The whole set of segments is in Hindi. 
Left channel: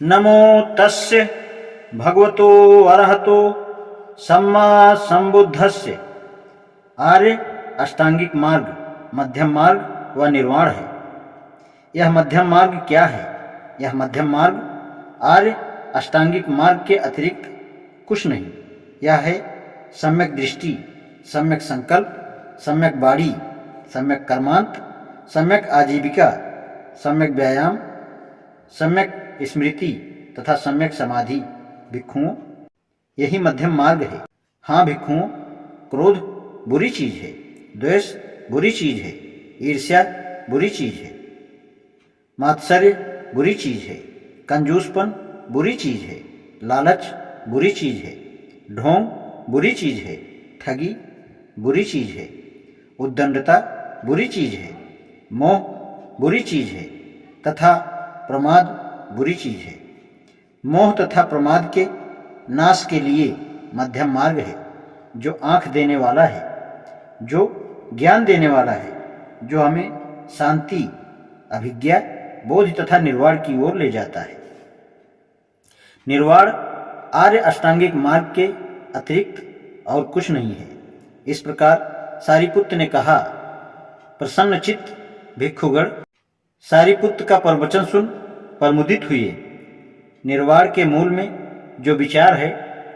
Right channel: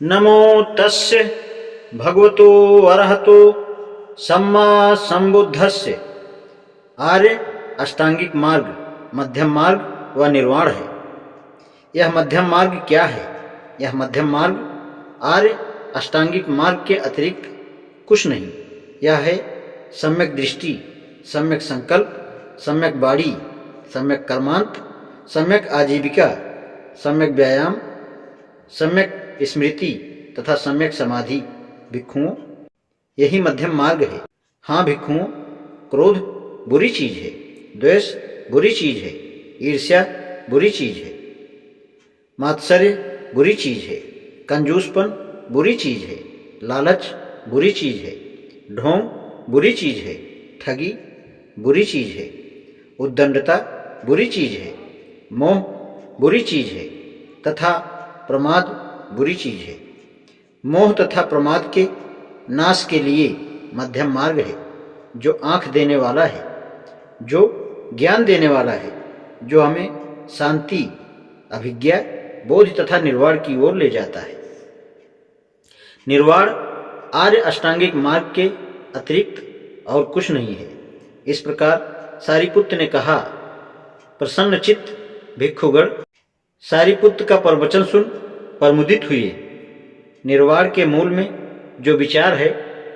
नमो तस्य भगवतो अरहतो सम्मा संबुद्धस्य। आर्य अष्टांगिक मार्ग, मध्यम मार्ग व निर्वाण है। यह मध्यम मार्ग क्या है? यह मध्यम मार्ग आर्य अष्टांगिक मार्ग के अतिरिक्त कुछ नहीं। यह है सम्यक दृष्टि, सम्यक संकल्प, सम्यक वाणी, सम्यक कर्मांत, सम्यक आजीविका, सम्यक व्यायाम, सम्यक स्मृति तथा सम्यक समाधि। भिक्षुओं, यही मध्यम मार्ग है। हाँ भिक्षुओं, क्रोध बुरी चीज है, द्वेष बुरी चीज है, ईर्ष्या बुरी चीज है, मात्सर्य बुरी चीज है, कंजूसपन बुरी चीज है, लालच बुरी चीज है, ढोंग बुरी चीज है, ठगी बुरी चीज है, उद्दंडता बुरी चीज है, मोह बुरी चीज है तथा प्रमाद बुरी चीज है। मोह तथा प्रमाद के नाश के लिए मध्यम मार्ग है, जो आँख देने वाला है, जो ज्ञान देने वाला है, जो हमें शांति, अभिज्ञा, बोध तथा निर्वाण की ओर ले जाता है। निर्वाण आर्य अष्टांगिक मार्ग के अतिरिक्त और कुछ नहीं है। इस प्रकार सारिपुत्र ने कहा। प्रसन्नचित्त भिक्षुगण सारिपुत्र का प्रवचन सुन प्रमुदित हुए। निर्वाण के मूल में जो विचार है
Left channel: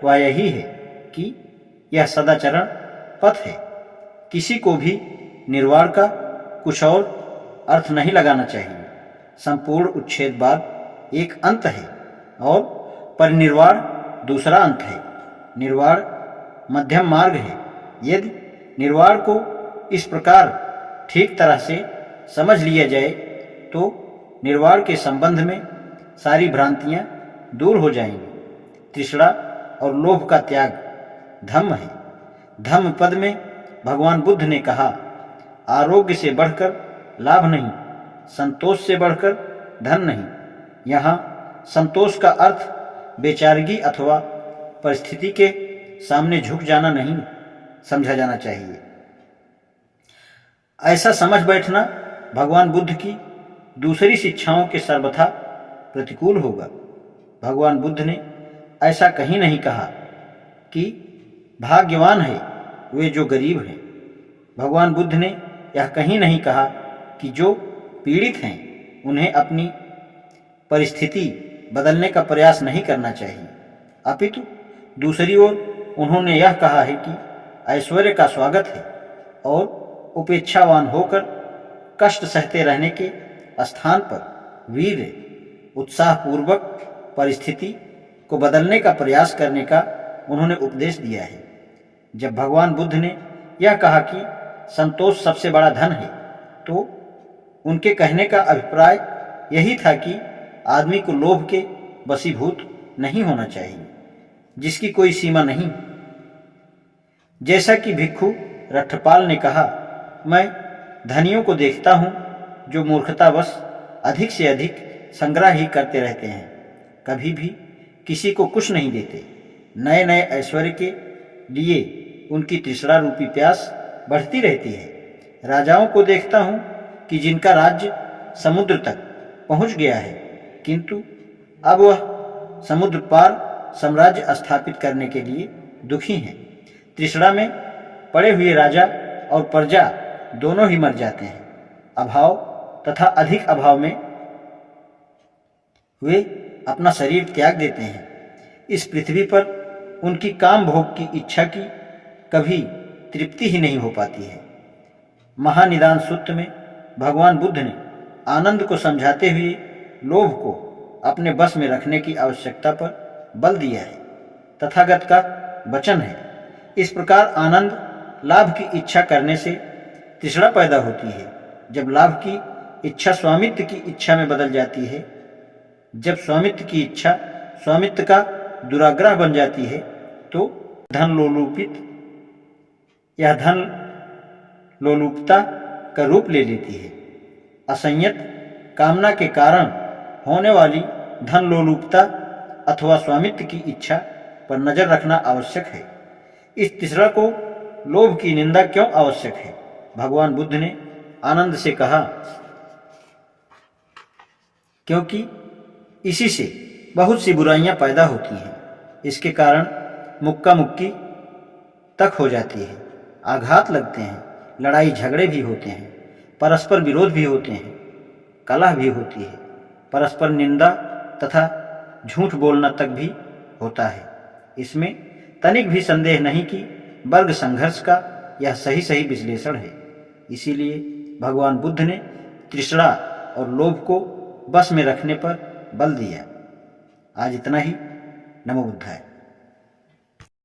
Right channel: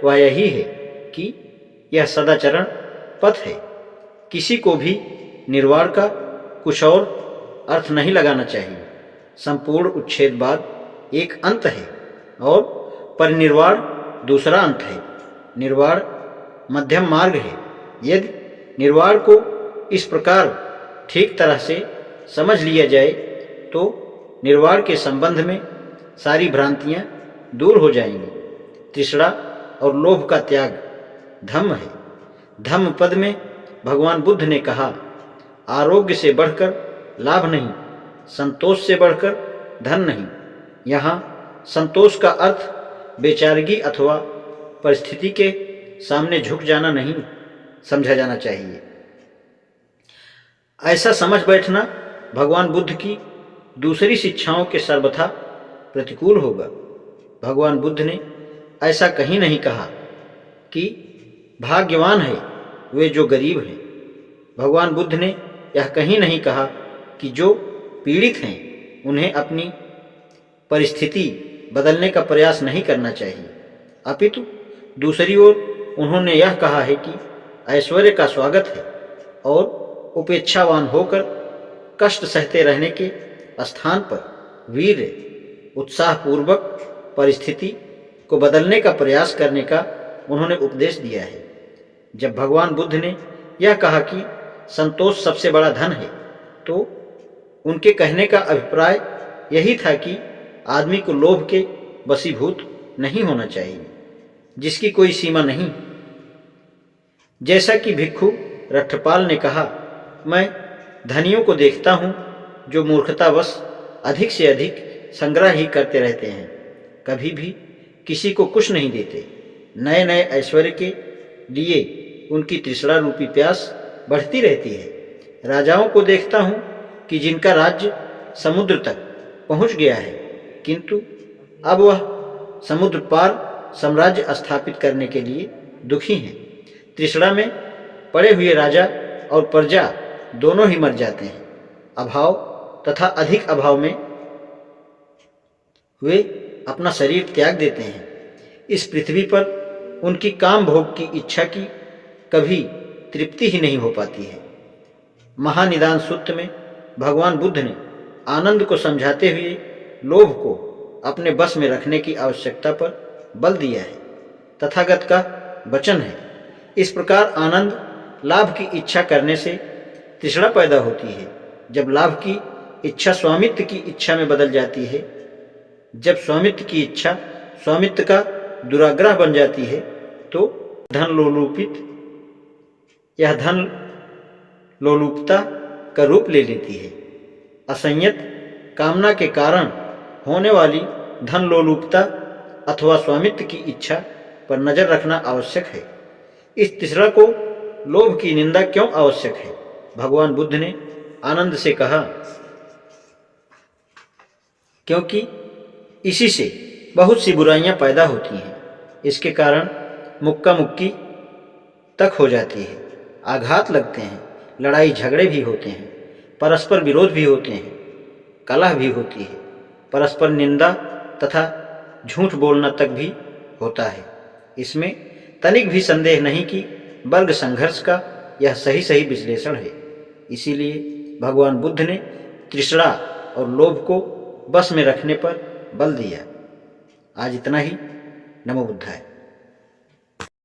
वह यही है कि यह सदाचरण पथ है। किसी को भी निर्वाण का कुछ और अर्थ नहीं लगाना चाहिए। संपूर्ण उच्छेदवाद एक अंत है और परिनिर्वाण दूसरा अंत है। निर्वाण मध्यम मार्ग है। यदि निर्वाण को इस प्रकार ठीक तरह से समझ लिया जाए तो निर्वाण के संबंध में सारी भ्रांतियां दूर हो जाएंगी। तृष्णा और लोभ का त्याग धम्म है। धम्म पद में भगवान बुद्ध ने कहा, आरोग्य से बढ़कर लाभ नहीं, संतोष से बढ़कर धन नहीं। यहाँ संतोष का अर्थ बेचारगी अथवा परिस्थिति के सामने झुक जाना नहीं समझा जाना चाहिए। ऐसा समझ बैठना भगवान बुद्ध की दूसरी शिक्षाओं के सर्वथा प्रतिकूल होगा। भगवान बुद्ध ने ऐसा कहीं नहीं कहा कि भाग्यवान है वे जो गरीब हैं। भगवान बुद्ध ने यह कहीं नहीं कहा कि जो पीड़ित हैं उन्हें अपनी परिस्थिति बदलने का प्रयास नहीं करना चाहिए। अपितु दूसरी ओर उन्होंने यह कहा है कि ऐश्वर्य का स्वागत है और उपेक्षावान होकर कष्ट सहते रहने के स्थान पर वीर उत्साहपूर्वक परिस्थिति को बदलने का प्रयास करने का उन्होंने उपदेश दिया है। जब भगवान बुद्ध ने यह कहा कि संतोष सबसे बड़ा धन है तो उनके कहने का अभिप्राय यही था कि आदमी को लोभ के वशीभूत नहीं होना चाहिए, जिसकी कोई सीमा नहीं। जैसा कि भिक्षु रट्ठपाल ने कहा, मैं धनियों को देखता हूँ जो मूर्खतावश अधिक से अधिक संग्रह ही करते रहते हैं, कभी भी किसी को कुछ नहीं देते। नए नए ऐश्वर्य के लिए उनकी तृष्णा रूपी प्यास बढ़ती रहती है। राजाओं को देखता हूँ कि जिनका राज्य समुद्र तक पहुँच गया है, किंतु अब वह समुद्र पार साम्राज्य स्थापित करने के लिए दुखी हैं। तृष्णा में पड़े हुए राजा और प्रजा दोनों ही मर जाते हैं। अभाव तथा अधिक अभाव में वे अपना शरीर त्याग देते हैं। इस पृथ्वी पर उनकी काम भोग की इच्छा की कभी तृप्ति ही नहीं हो पाती है। महानिदान सूत्र में भगवान बुद्ध ने आनंद को समझाते हुए लोभ को अपने बस में रखने की आवश्यकता पर बल दिया है। तथागत का वचन है, इस प्रकार आनंद लाभ की इच्छा करने से तृष्णा पैदा होती है। जब लाभ की इच्छा स्वामित्व की इच्छा में बदल जाती है, जब स्वामित्व की इच्छा स्वामित्व का दुराग्रह बन जाती है, तो धन लोलुपता का रूप ले लेती है। असंयत कामना के कारण होने वाली धन लोलुपता अथवा स्वामित्व की इच्छा पर नजर रखना आवश्यक है। इस तीसरा को लोभ की निंदा क्यों आवश्यक है? भगवान बुद्ध ने आनंद से कहा, क्योंकि इसी से बहुत सी बुराइयां पैदा होती हैं। इसके कारण मुक्का मुक्की तक हो जाती है, आघात लगते हैं, लड़ाई झगड़े भी होते हैं, परस्पर विरोध भी होते हैं, कलह भी होती है, परस्पर निंदा तथा झूठ बोलना तक भी होता है। इसमें तनिक भी संदेह नहीं कि वर्ग संघर्ष का यह सही सही विश्लेषण है। इसीलिए भगवान बुद्ध ने तृष्णा और लोभ को बस में रखने पर बल दिया। आज इतना ही। नमो बुद्धाय।